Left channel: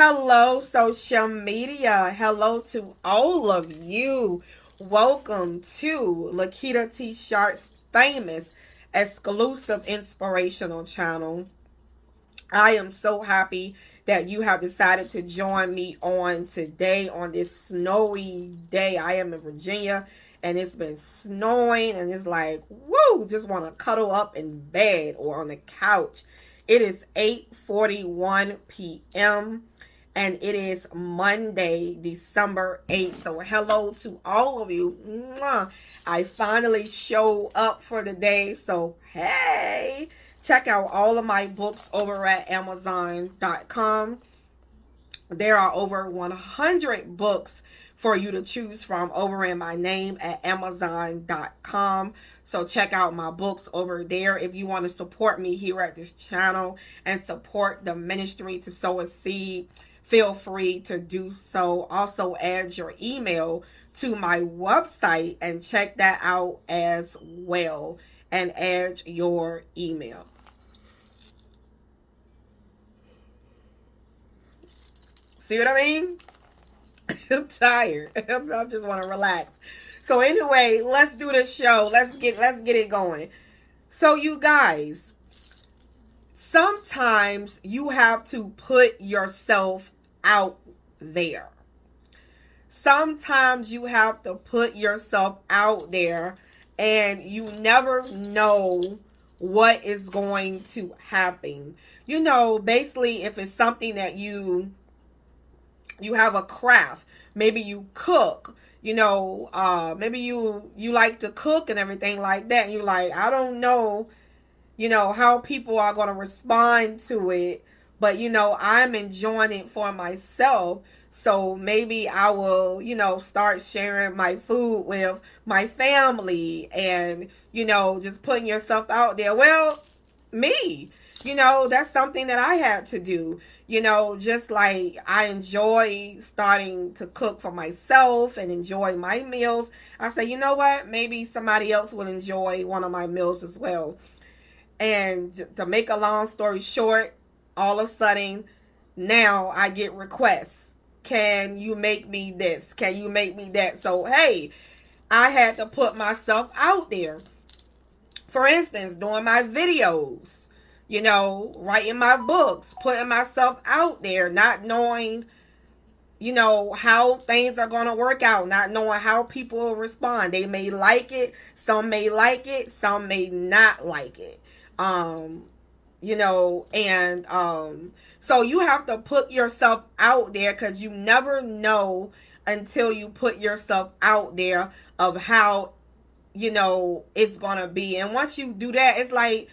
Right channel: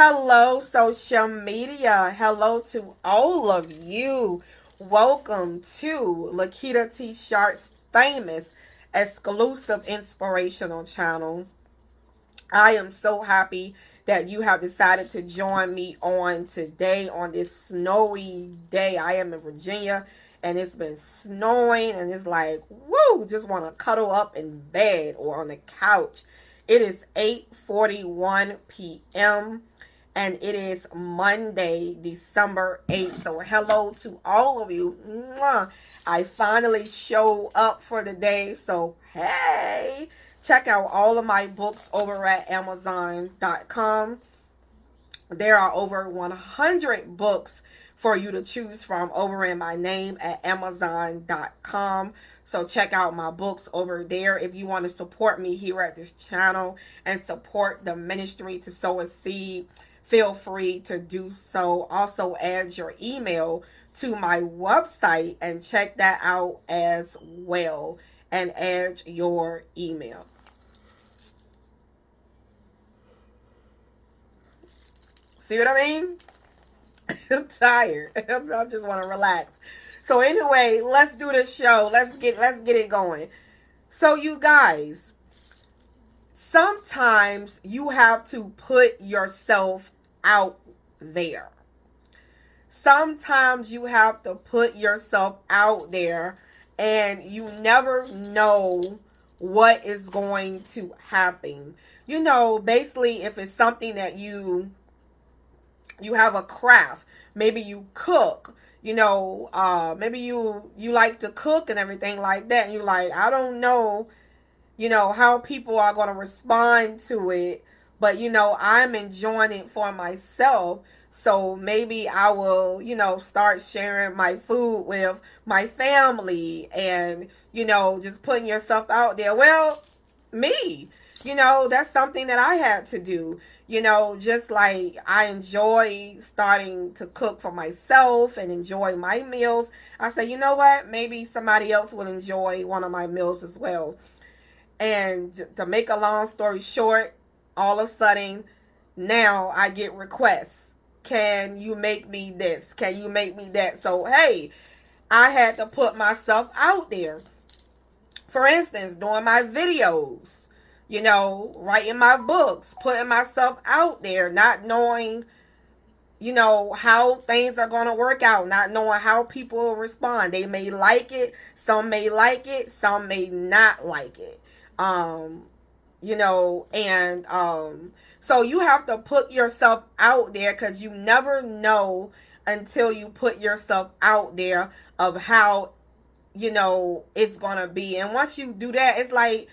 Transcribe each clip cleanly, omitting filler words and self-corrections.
Hello, social media. Hello to all of you. Welcome to Lakita T. Sharp's famous exclusive inspirational channel. I am so happy that you have decided to join me on today on this snowy day. I am in Virginia and it's been snowing and it's like, woo, just want to cuddle up in bed or on the couch. It is 8:41 p.m. and it is Monday, December 8th. So hello to all of you. Mwah. I finally show up for the day. So hey, check out all of my books over at Amazon.com. There are over 100 books for you to choose from over in my name at Amazon.com. So check out my books over there. If you want to support me here at this channel and support the ministry to sow a seed, feel free to do so. Also add your email to my website and check that out as well. And add your email. See what I mean? I'm tired. I just want to relax. So anyway, let's do this show. Let's get it going. So you guys, sometimes you have to put yourself out there. Sometimes you have to put yourself out there and you never know what is going to happen. You know, basically if it's something that you have a craft, maybe you cook, maybe you like to cook and everything like that. And you're like, I don't know, how people are going to respond to it. But, I'm enjoying it for myself. So maybe I will, start sharing my food with my family and, just putting yourself out there. Well, me, that's something that I had to do. Just like I enjoy starting to cook for myself and enjoy my meals. I say, you know what? Maybe somebody else will enjoy one of my meals as well. And to make a long story short, all of a sudden, now I get requests. Can you make me this? Can you make me that? So, hey, I had to put myself out there. For instance, doing my videos, writing my books, putting myself out there, not knowing, how things are going to work out, not knowing how people will respond. They may like it. Some may like it. Some may not like it. So you have to put yourself out there because you never know until you put yourself out there of how, it's going to be. And once you do that, it's like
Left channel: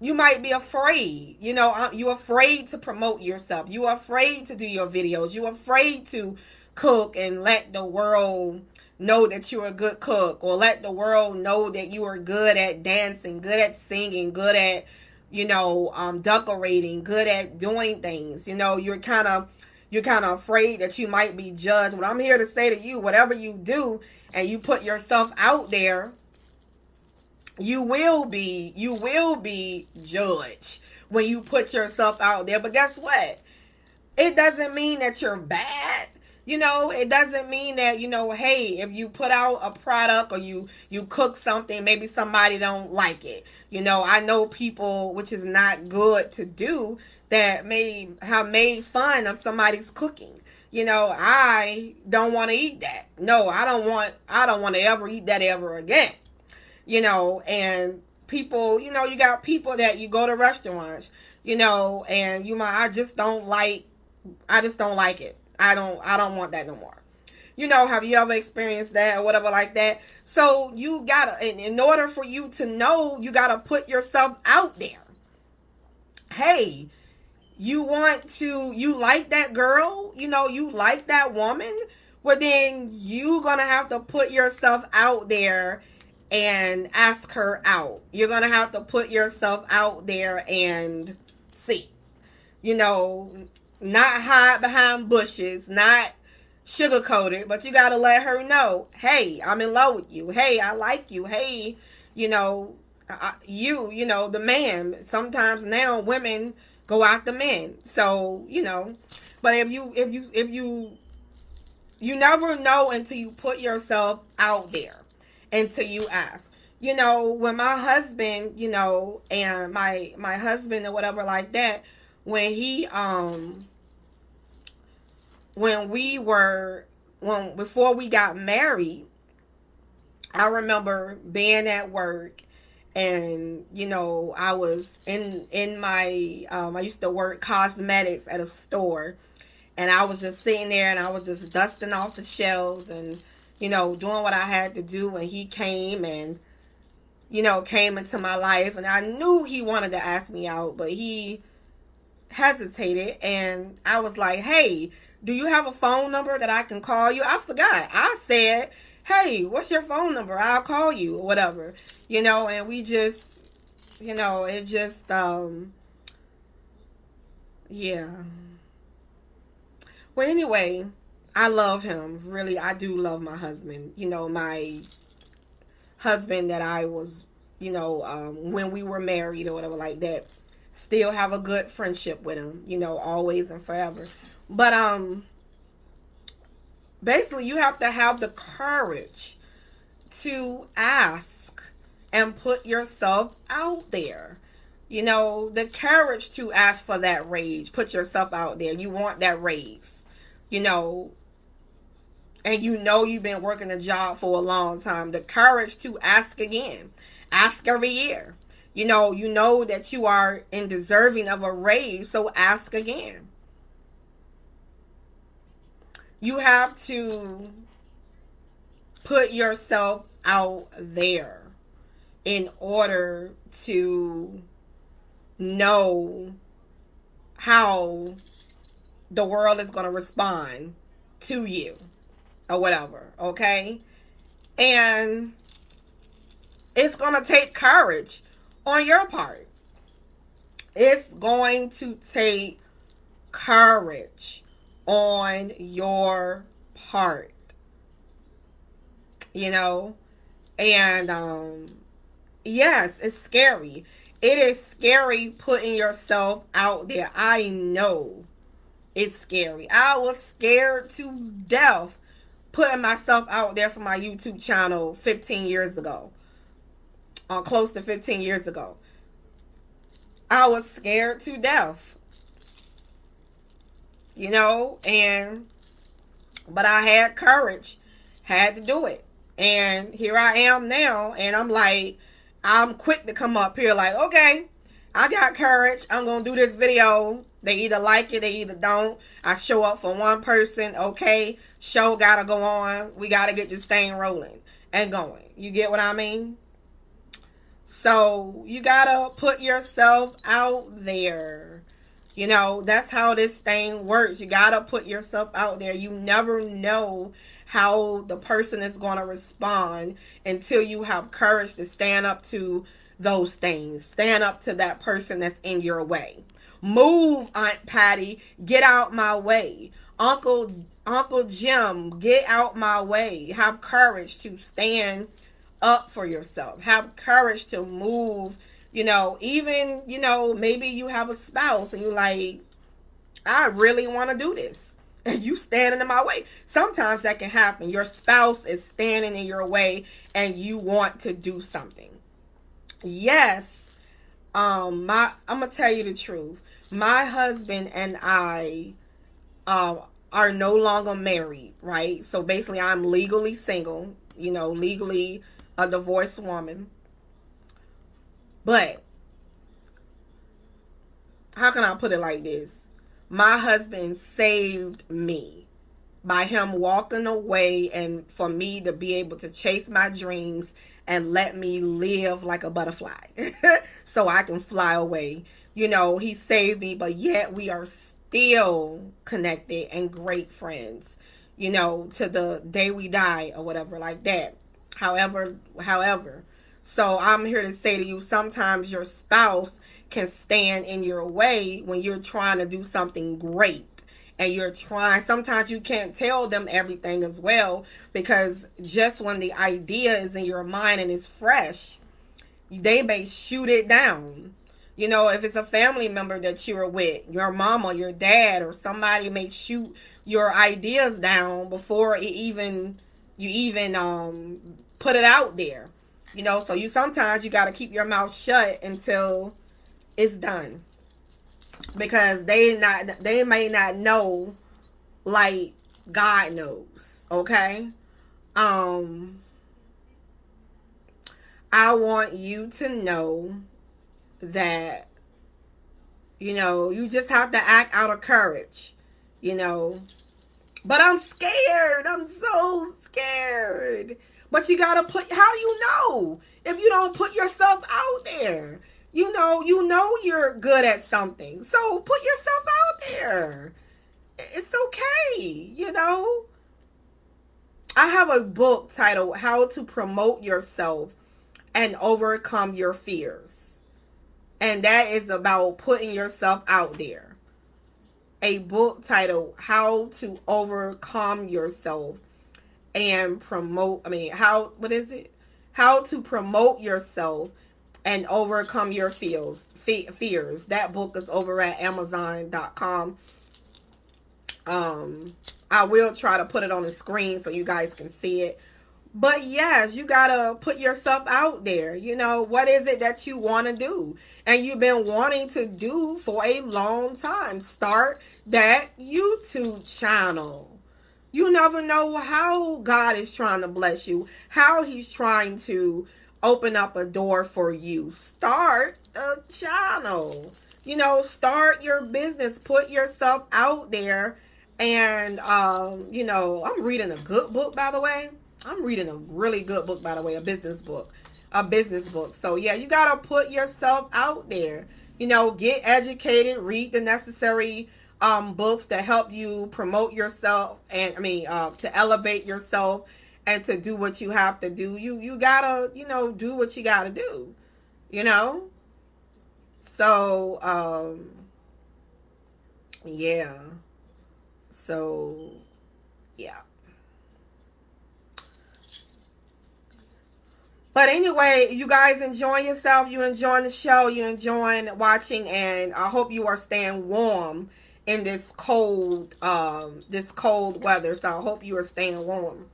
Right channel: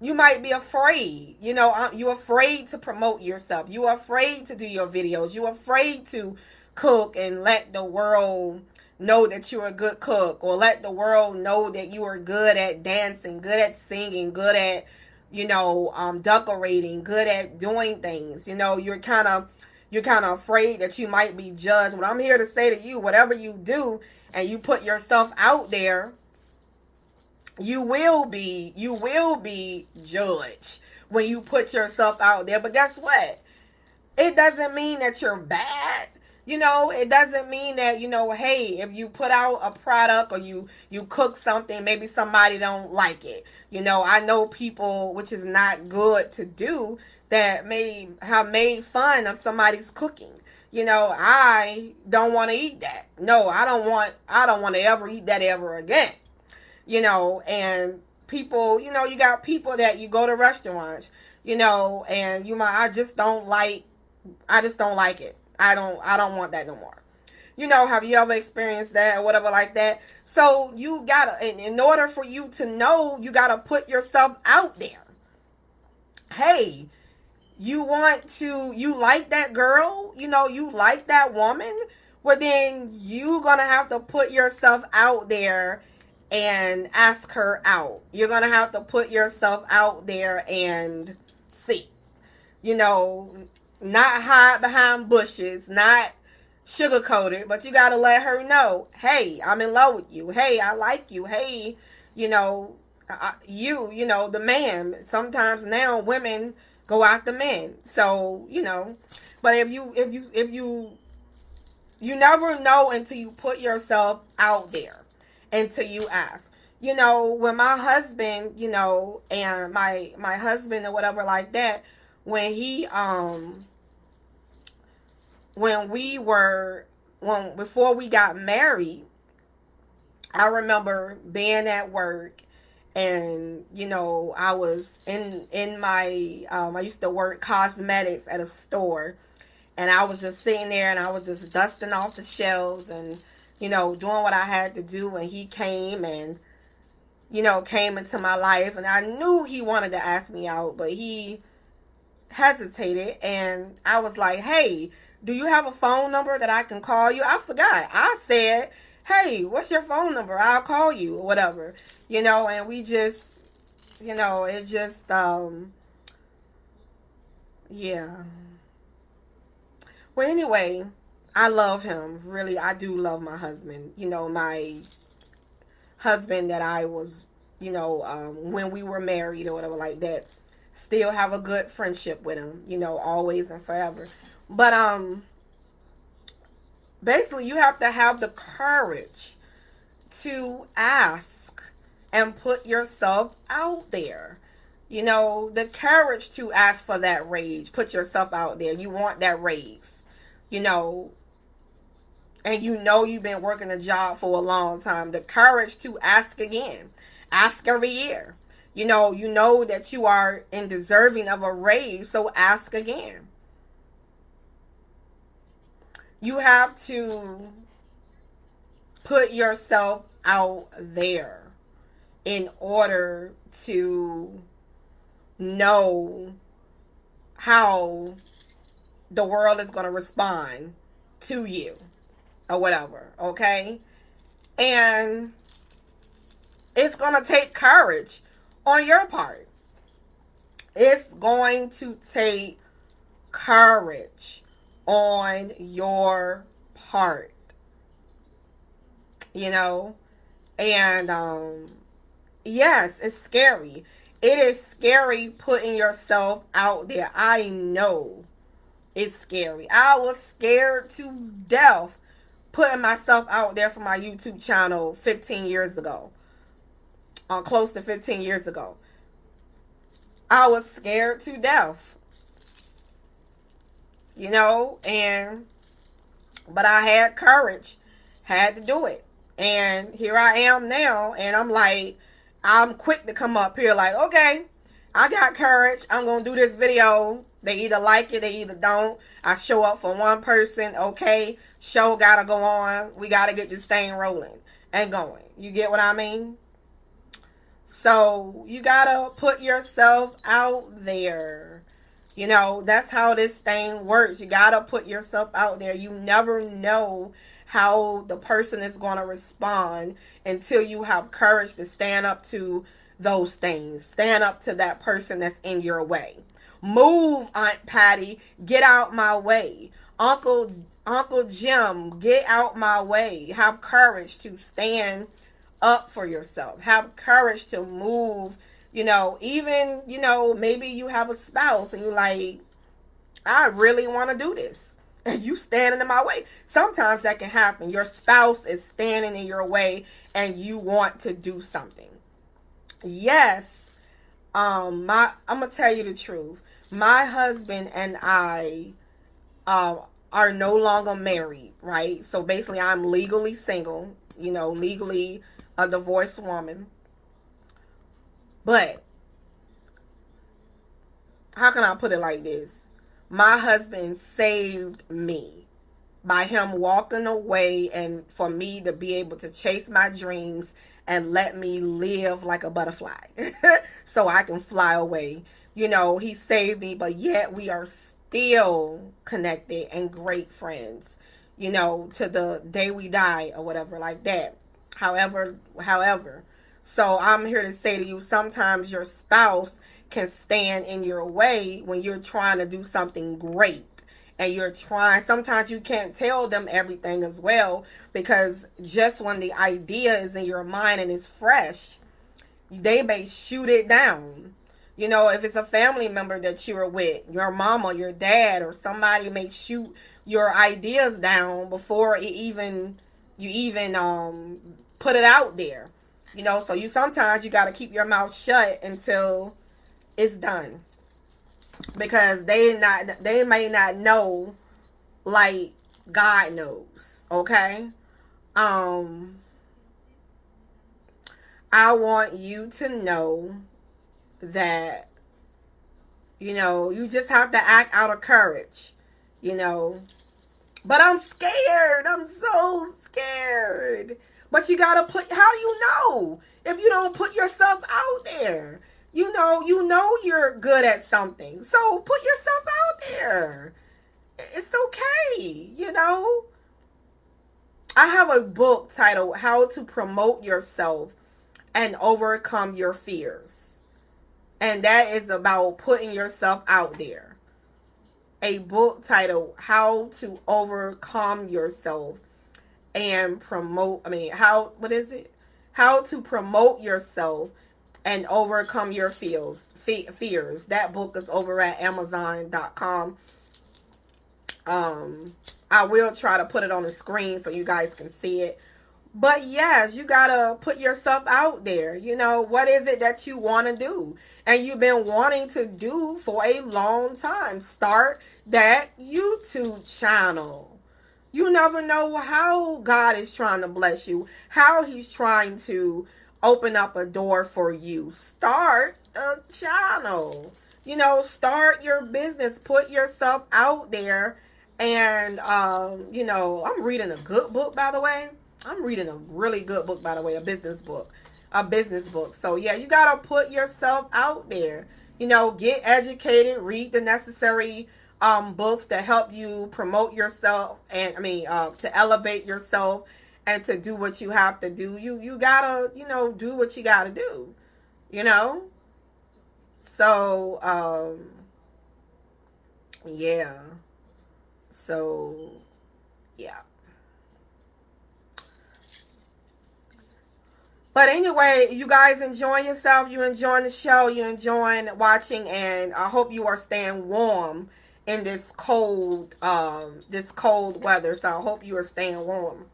you might be afraid. You're afraid to promote yourself. You're afraid to do your videos. You're afraid to cook and let the world know that you're a good cook, or let the world know that you are good at dancing, good at singing, good at, decorating, good at doing things. You're kind of afraid that you might be judged. But I'm here to say to you, whatever you do and you put yourself out there, you will be judged when you put yourself out there. But guess what? It doesn't mean that you're bad. It doesn't mean that, hey, if you put out a product or you cook something, maybe somebody don't like it. I know people, which is not good to do, that may have made fun of somebody's cooking. I don't want to eat that. No, I don't want to ever eat that ever again. And people, you got people that you go to restaurants, and I just don't like it. I don't want that no more. Have you ever experienced that or whatever like that? So you gotta, in order for you to know, you gotta put yourself out there. Hey, you like that girl, you like that woman, well then you gonna have to put yourself out there and ask her out. You're gonna have to put yourself out there and see, not hide behind bushes, not sugarcoat it, but you got to let her know, hey, I'm in love with you. Hey, I like you. Hey, the man. Sometimes now women go after men. So, But you never know until you put yourself out there, until you ask. When my husband, and my husband or whatever like that, when he when we were when before we got married, I remember being at work, and I was in my I used to work cosmetics at a store, and I was just sitting there, and I was just dusting off the shelves, and doing what I had to do. And he came and came into my life, and I knew he wanted to ask me out, but he hesitated. And I was like, hey, do you have a phone number that I can call you? I forgot. I said, hey, what's your phone number? I'll call you, or whatever. And we just, it just, yeah. Well, anyway, I love him. Really, I do love my husband. My husband that I was, when we were married or whatever like that. Still have a good friendship with him, always and forever. But basically, you have to have the courage to ask and put yourself out there. The courage to ask for that raise. Put yourself out there. You want that raise, and you've been working a job for a long time. The courage to ask again. Ask every year. You know that you are in deserving of a raise, so ask again. You have to put yourself out there in order to know how the world is going to respond to you or whatever, okay? And it's going to take courage on your part. It's going to take courage on your part. And yes, it's scary. It is scary putting yourself out there. I know it's scary. I was scared to death putting myself out there for my YouTube channel 15 years ago. Close to 15 years ago. I was scared to death. But I had courage. Had to do it. And here I am now, and I'm quick to come up here like, okay, I got courage. I'm going to do this video. They either like it, they either don't. I show up for one person. Okay, show got to go on. We got to get this thing rolling and going. You get what I mean? So you gotta put yourself out there. That's how this thing works. You gotta put yourself out there. You never know how the person is going to respond until you have courage to stand up to those things. Stand up to that person that's in your way. Move, Aunt Patty. Get out my way. Uncle Jim, get out my way. Have courage to stand up for yourself. Have courage to move. Even, maybe you have a spouse and you're like, I really want to do this. And you standing in my way. Sometimes that can happen. Your spouse is standing in your way and you want to do something. Yes. I'm going to tell you the truth. My husband and I are no longer married, right? So basically I'm legally single, legally a divorced woman. But how can I put it like this? My husband saved me by him walking away and for me to be able to chase my dreams and let me live like a butterfly so I can fly away. He saved me, but yet we are still connected and great friends, to the day we die or whatever like that. However. So I'm here to say to you, sometimes your spouse can stand in your way when you're trying to do something great. And sometimes you can't tell them everything as well, because just when the idea is in your mind and it's fresh, they may shoot it down. You know, if it's a family member that you're with, your mom or your dad or somebody may shoot your ideas down before you even put it out there. You know, so sometimes you got to keep your mouth shut until it's done, because they may not know like God knows. Okay. I want you to know that, you know, you just have to act out of courage, you know. But I'm scared. I'm so scared. But you gotta how do you know if you don't put yourself out there? You know you're good at something. So put yourself out there. It's okay, you know. I have a book titled How to Promote Yourself and Overcome Your Fears. And that is about putting yourself out there. A book titled How to Overcome Yourself and How to Promote Yourself and Overcome Your Fears. That book is over at Amazon.com. I will try to put it on the screen so you guys can see it. But yes, you gotta put yourself out there. You know, what is it that you want to do? And you've been wanting to do for a long time. Start that YouTube channel. You never know how God is trying to bless you, how he's trying to open up a door for you. Start the channel. You know, start your business. Put yourself out there. And, you know, I'm reading a good book, by the way. I'm reading a really good book, by the way, a business book. So, yeah, you got to put yourself out there. You know, get educated, read the necessary books to help you promote yourself and, to elevate yourself and to do what you have to do. You got to, you know, do what you got to do, you know. So, yeah. So, yeah. But anyway, you guys enjoying yourself. You enjoying the show. You enjoying watching. And I hope you are staying warm in this cold weather. So I hope you are staying warm.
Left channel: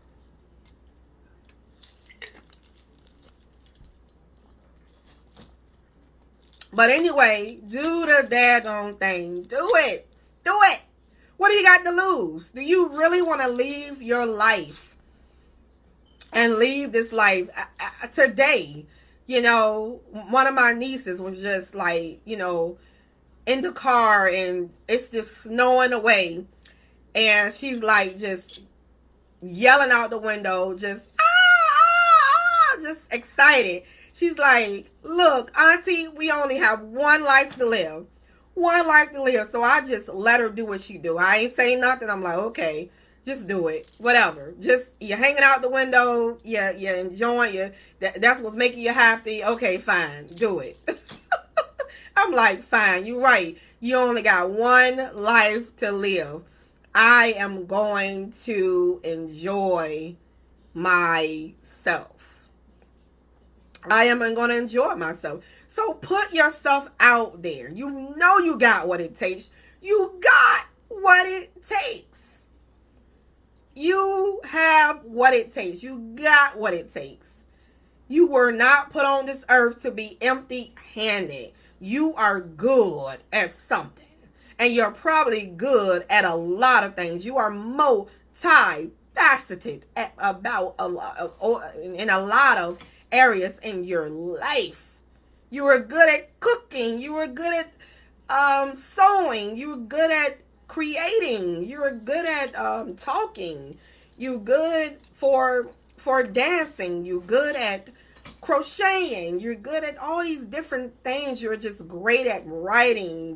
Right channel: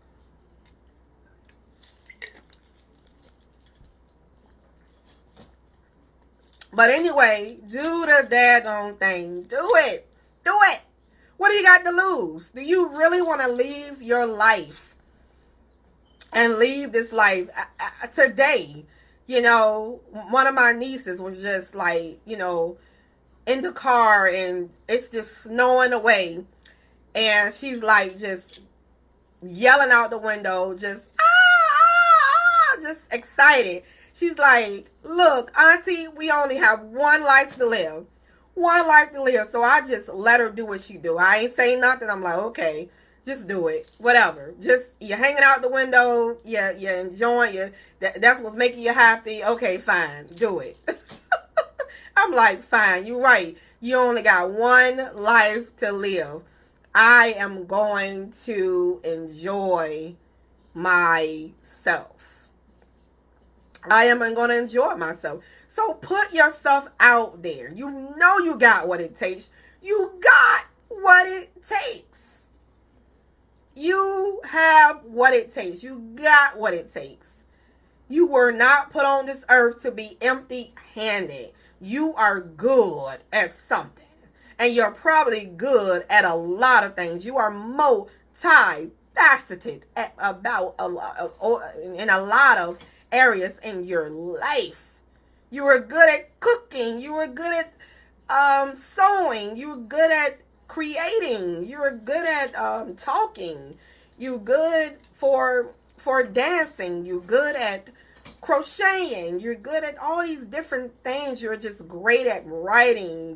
But anyway, do the daggone thing. Do it. Do it. What do you got to lose? Do you really want to leave your life and leave this life today? You know, one of my nieces was just like, you know, in the car and it's just snowing away. And she's like just yelling out the window, just, just excited. She's like, look, Auntie, we only have one life to live. One life to live. So I just let her do what she do. I ain't saying nothing. I'm like, okay, just do it. Whatever. Just, you're hanging out the window. You're enjoying. That's what's making you happy. Okay, fine. Do it. I'm like, fine. You're right. You only got one life to live. I am going to enjoy myself. I am going to enjoy myself. So put yourself out there. You know you got what it takes. You got what it takes. You have what it takes. You got what it takes. You were not put on this earth to be empty-handed. You are good at something. And you're probably good at a lot of things. You are multifaceted in a lot of areas in your life. You were good at cooking. You were good at sewing. You were good at creating. You were good at talking. You good for dancing. You good at crocheting. You're good at all these different things. You're just great at writing.